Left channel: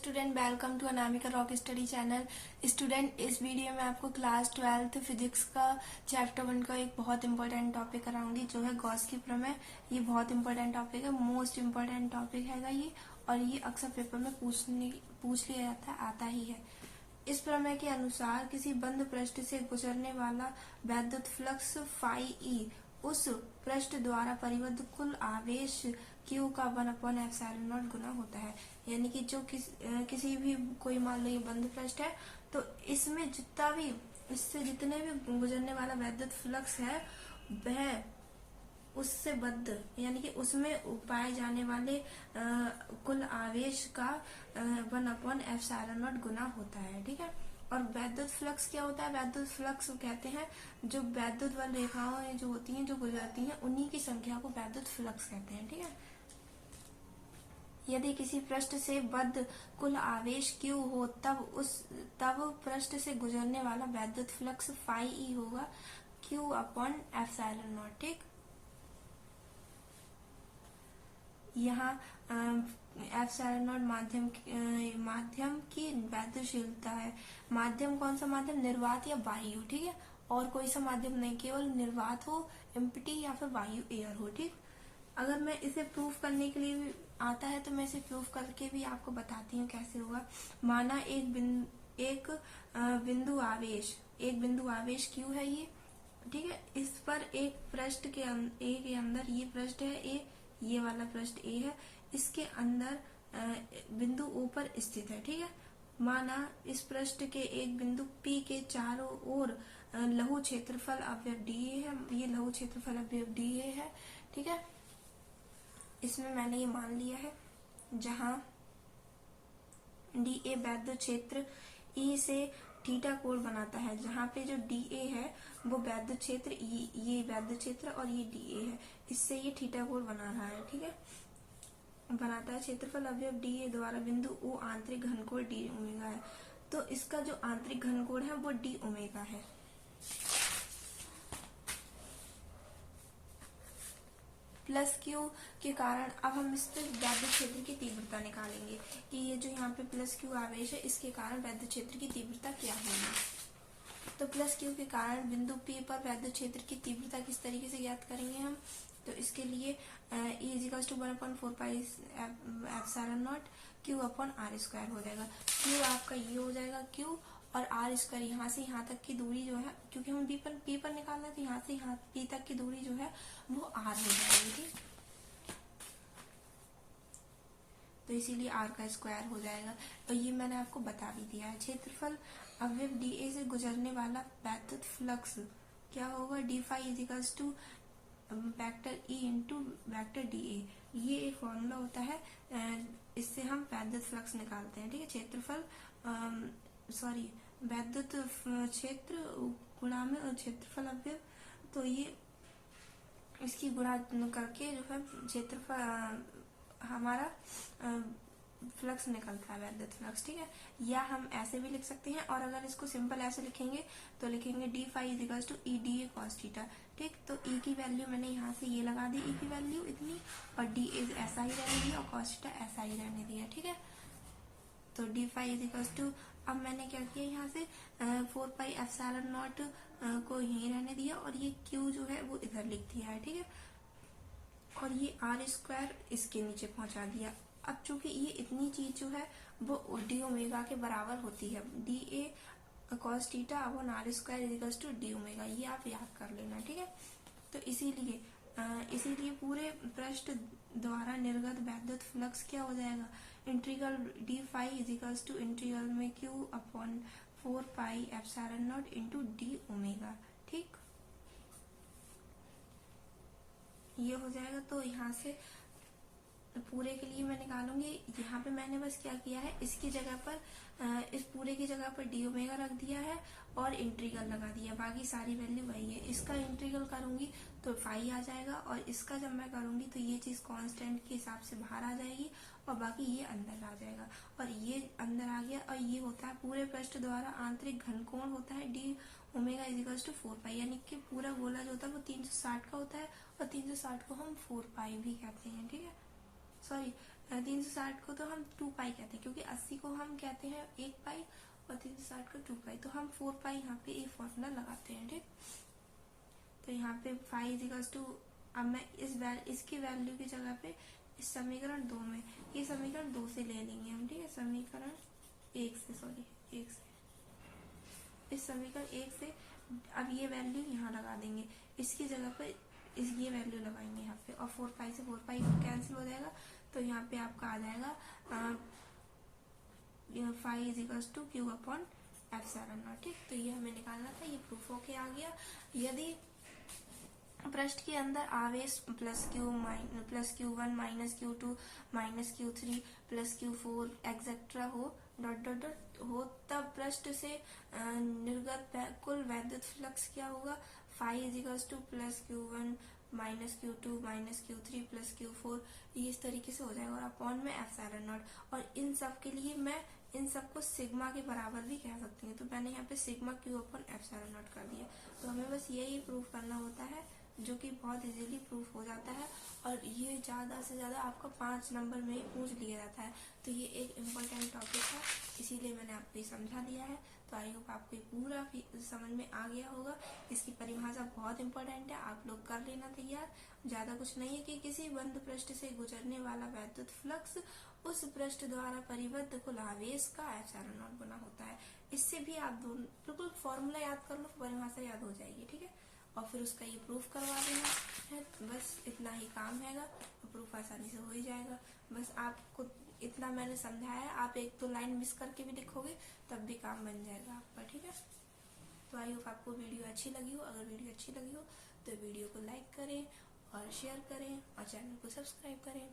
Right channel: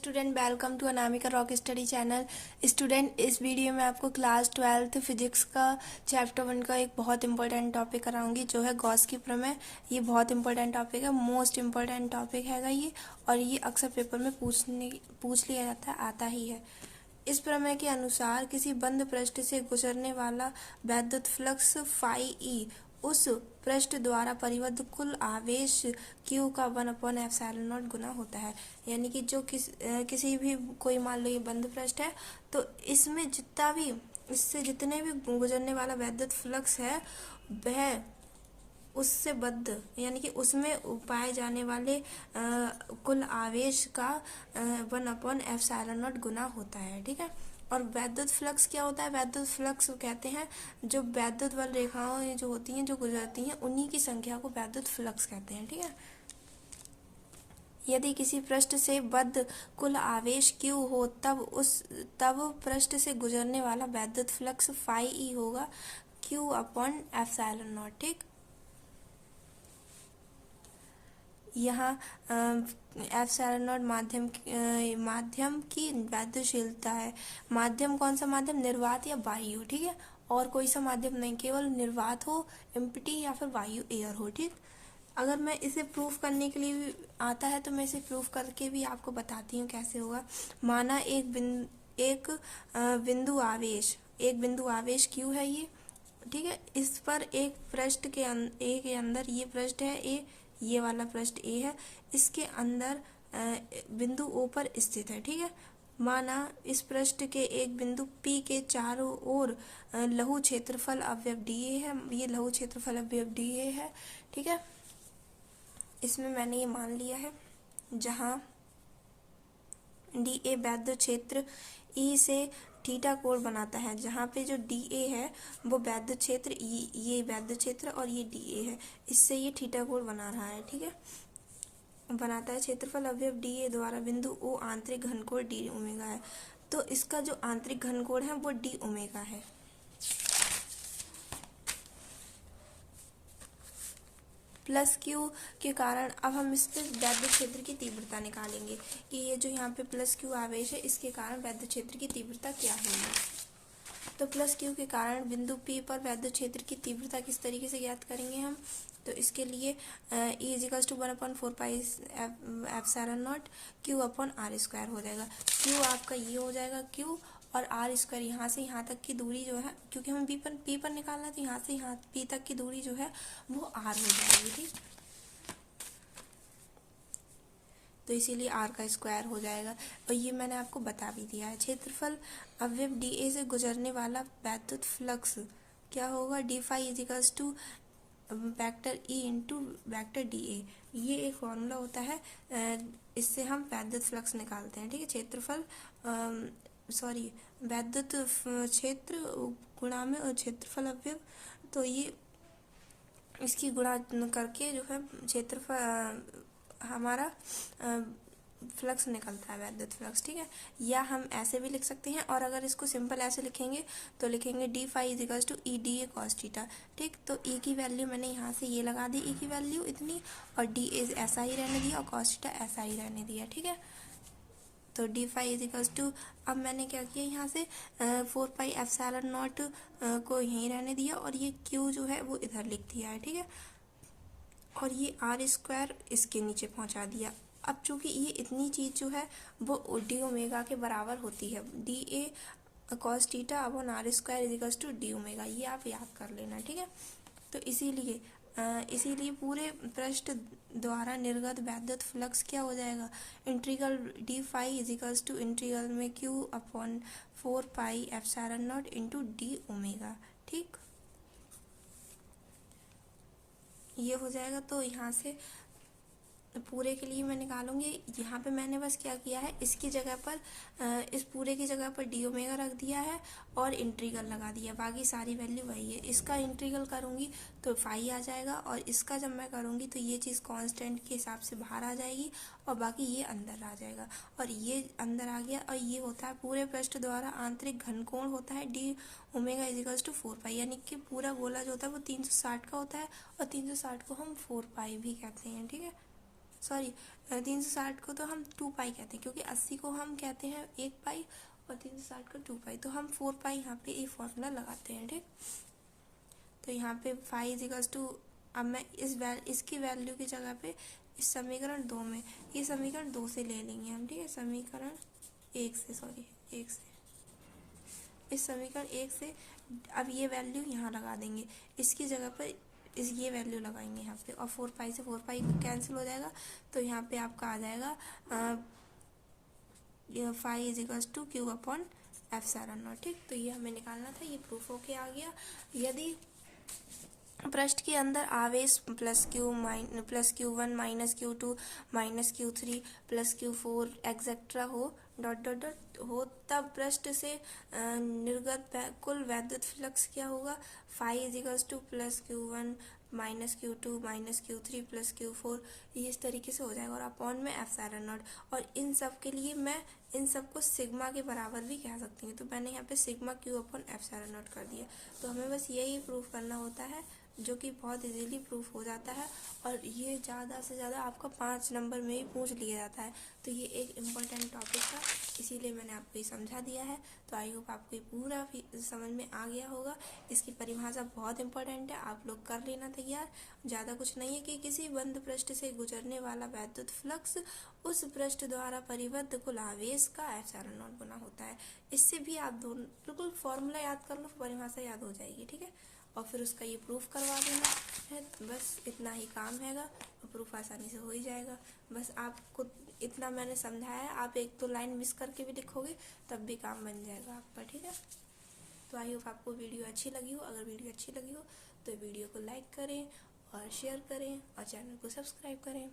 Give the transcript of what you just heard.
Student, welcome to Anamika rock study channel. Student, इस video में आपको क्लास 12th फिजिक्स का चैप्टर 1 का एक बहुत इंपॉर्टेंट टॉपिक कराऊंगी, जो है गॉस की प्रमेय। ये बहुत इंपॉर्टेंट टॉपिक है, मोस्ट इंपॉर्टेंट टॉपिक हैगा ये, और ये अक्सर पेपर में पूछ लिया जाता है, आता ही है। इस प्रमेय के अनुसार किसी बंद पृष्ठ से गुजरने वाला वैद्युत फ्लक्स फाई ई उस पृष्ठ द्वारा परिबद्ध कुल आवेश Q का 1/ε0 गुना होता है। यानी कि जो किसी भी कोई मान लो ये बंद पृष्ठ है, तो इसमें इससे जितने भी गुजरने वाला वैद्युत फ्लक्स है, वह उससे बद्ध यानी कि उसमें पाए जाने वाले कुल आवेश का 1/ε0 गुना होता है। ठीक है। और वैद्युत फ्लक्स क्या होता है? वैद्युत फ्लक्स कहते हैं जो वैद्युत बल रेखाएं जो होती हैं, जो गुजरती हैं, उन्हीं की संख्या को वैद्युत फ्लक्स कहते हैं। ठीक है। यदि किसी पृष्ठ से बद्ध कुल आवेश Q हो, तब पृष्ठ से गुजरने वाला वैद्युत फ्लक्स फाई ई होगा Q/ε0। ठीक। यहाँ ε0 माध्यम की वैद्युशीलता है। माध्यम कौन सा माध्यम? निर्वात या वायु। ठीक है। और कोई सा माध्यम नहीं, केवल निर्वात हो, एम्प्टी या फिर वायु, एयर हो। ठीक। अगर मैं इसे प्रूफ करने के लिए आता है तो मैं इसे प्रूफ करके भी आपको बताती हूँ कैसे होगा। माना एक बिंदु आवेश Q है ये। ठीक है। इस पर एक पृष्ठ के अंदर ये पृष्ठ है A, ये वाला पृष्ठ A है, इसके अंदर बिंदु O पर स्थित है। ठीक है। माना इस पृष्ठ के एक बिंदु P के चारों ओर लघु क्षेत्रफल अवयव dA है। ये लघु क्षेत्रफल अवयव dA है। ठीक है। इसमें मैंने ये मान लिया है, जहाँ dA वैद्युत क्षेत्र E से थीटा कोण बनाता है। जहाँ पे जो dA है वो वैद्युत क्षेत्र E, ये वैद्युत क्षेत्र और ये dA है, इससे ये थीटा कोण बना रहा है। ठीक है। बनाता है। क्षेत्रफल अवयव dA द्वारा बिंदु O आंतरिक घनकोण d ओमेगा है। तो इसका जो आंतरिक घनकोण है वो d ओमेगा है। प्लस Q के कारण अब हम इससे वैद्युत क्षेत्र की तीव्रता निकालेंगे कि ये जो यहाँ पे प्लस Q आवेश है, इसके कारण वैद्युत क्षेत्र की तीव्रता क्या होगी। तो प्लस Q के कारण बिंदु P पर वैद्युत क्षेत्र की तीव्रता किस तरीके से ज्ञात करेंगे हम? तो इसके लिए E = 1/4πε0 Q/r² हो जाएगा। Q आपका ये हो जाएगा Q, और r² यहाँ से यहाँ तक की दूरी जो है, क्योंकि हमें P पर निकालना है, तो यहाँ से यहाँ P तक की दूरी जो है वो r हो जाएगी। ठीक। तो इसीलिए r² हो जाएगा, और ये मैंने आपको बता भी दिया है। क्षेत्रफल अवयव dA से गुजरने वाला वैद्युत फ्लक्स क्या होगा? d∅ vector E into vector dA। ये एक फॉर्मूला होता है, इससे हम वैद्युत फ्लक्स निकालते हैं। ठीक है। वैद्युत क्षेत्र गुणा में और क्षेत्रफल अवयव, तो ये इसकी गुणा करके जो है क्षेत्रफल हमारा फ्लक्स निकलता है, वैद्युत फ्लक्स। ठीक है। या हम ऐसे भी लिख सकते हैं, और अगर इसको सिंपल ऐसे लिखेंगे तो लिखेंगे d∅ E dA cos theta. ठीक। तो E की वैल्यू मैंने यहाँ से ये लगा दी, E की वैल्यू इतनी, और dA ऐसा ही रहने दिया, और cos थीटा ऐसा ही रहने दिया। ठीक है। तो d∅ अब मैंने क्या किया, यहाँ से 4πε0 को यहीं रहने दिया, और ये Q जो है वो इधर लिख दिया है। ठीक है। और ये r² इसके नीचे पहुँचा दिया। अब चूंकि ये इतनी चीज़ जो है वो d ओमेगा के बराबर होती है, dA cos theta upon r² d omega, ये आप याद कर लेना। ठीक है। तो इसीलिए पूरे पृष्ठ द्वारा निर्गत वैद्युत फ्लक्स क्या हो जाएगा? इंटीग्रल d∅ इंटीग्रल में Q/4πε0 इंटू d ओमेगा। ठीक। ये हो जाएगा। तो यहाँ से पूरे के लिए मैं निकालूंगी। यहाँ पे मैंने बस क्या किया है, इसकी जगह पर इस पूरे की जगह पर d ओमेगा रख दिया है और इंटीग्रल लगा दिया, बाकी सारी वैल्यू वही है। इसका इंटीग्रल करूँगी तो फाई आ जाएगा, और इसका जब मैं करूँगी तो ये चीज़ कांस्टेंट के हिसाब से बाहर आ जाएगी, और बाकी ये अंदर आ जाएगा, और ये अंदर आ गया। और ये होता है पूरे पृष्ठ द्वारा आंतरिक घनकोण होता है d ओमेगा = 4π, यानी कि पूरा गोला जो होता है वो 360 का होता है, और 360 को हम 4π भी कहते हैं। ठीक है। 360 को तो हम 2 पाई कहते हैं, क्योंकि 80 को हम कहते हैं 1 पाई और 360 को 2 पाई, तो हम 4 पाई यहाँ पे ये फॉर्मूला लगाते हैं। ठीक, तो यहाँ पे फाई इजिकल्स टू, अब मैं इसकी वैल्यू की जगह पे इस समीकरण 2 में, ये समीकरण 2 से ले लेंगे हम। ठीक है, समीकरण 1 से, सॉरी 1 से, इस समीकरण 1 से अब ये वैल्यू यहाँ लगा देंगे, इसकी जगह पर ये वैल्यू लगाएंगे यहाँ पे, और 4 पाई से 4 पाई कैंसिल हो जाएगा, तो यहाँ पे आपका आ जाएगा phi equals to q upon epsilon naught. ठीक, तो ये हमें निकालना था, ये प्रूफ होके आ गया। यदि पृष्ठ के अंदर आवेश plus Q1 minus Q2 minus Q3 plus Q4 etcetera हो, डॉट डॉट डॉट हो, तब पृष्ठ से निर्गत कुल वैद्युत फ्लक्स क्या होगा, phi equals to plus Q1 minus Q2 minus Q3 plus Q4, ये इस तरीके से हो जाएगा, और अपॉन में एप्सिलॉन नॉट। और इन सब के लिए मैं इन सबको सिग्मा के बराबर भी कह सकती हूँ, तो मैंने यहाँ पे sigma Q upon epsilon not कर दिया। तो हमें बस यही प्रूफ करना होता है, जो कि बहुत इजीली प्रूफ हो जाता है, और ये ज़्यादा से ज़्यादा आपका 5 नंबर में ही पूछ लिया जाता है। तो ये एक इम्पोर्टेंट टॉपिक था, इसीलिए मैंने आपको ये समझा दिया है। तो आई होप आपको ये पूरा समझ में आ गया होगा। इसकी परिभाषा बहुत इंपॉर्टेंट है, आप लोग कर लेना तैयार। ज़्यादा कुछ नहीं है कि किसी बंद पृष्ठ से गुजरने वाला वैद्युत फ्लक्स उस पृष्ठ द्वारा परिबद्ध कुल आवेश का एप्सिलॉन नॉट गुना होता है। इससे भी आप दोनों बिल्कुल फॉर्मूला याद कर लो, परिभाषा याद हो जाएगी। ठीक है, और फिर उसका ये प्रूफ करवा देना है, बस इतना ही काम हैगा, प्रूफ आसानी से हो ही जाएगा। बस आपको इतना मैंने समझाया, आप 1-2 लाइन मिस करके भी लिखोगे तब भी काम बन जाएगा आपका। ठीक है, तो आई होप आपको वीडियो अच्छी लगी हो। अगर वीडियो अच्छी लगी हो तो वीडियो को लाइक करें और शेयर करें और चैनल को सब्सक्राइब करें।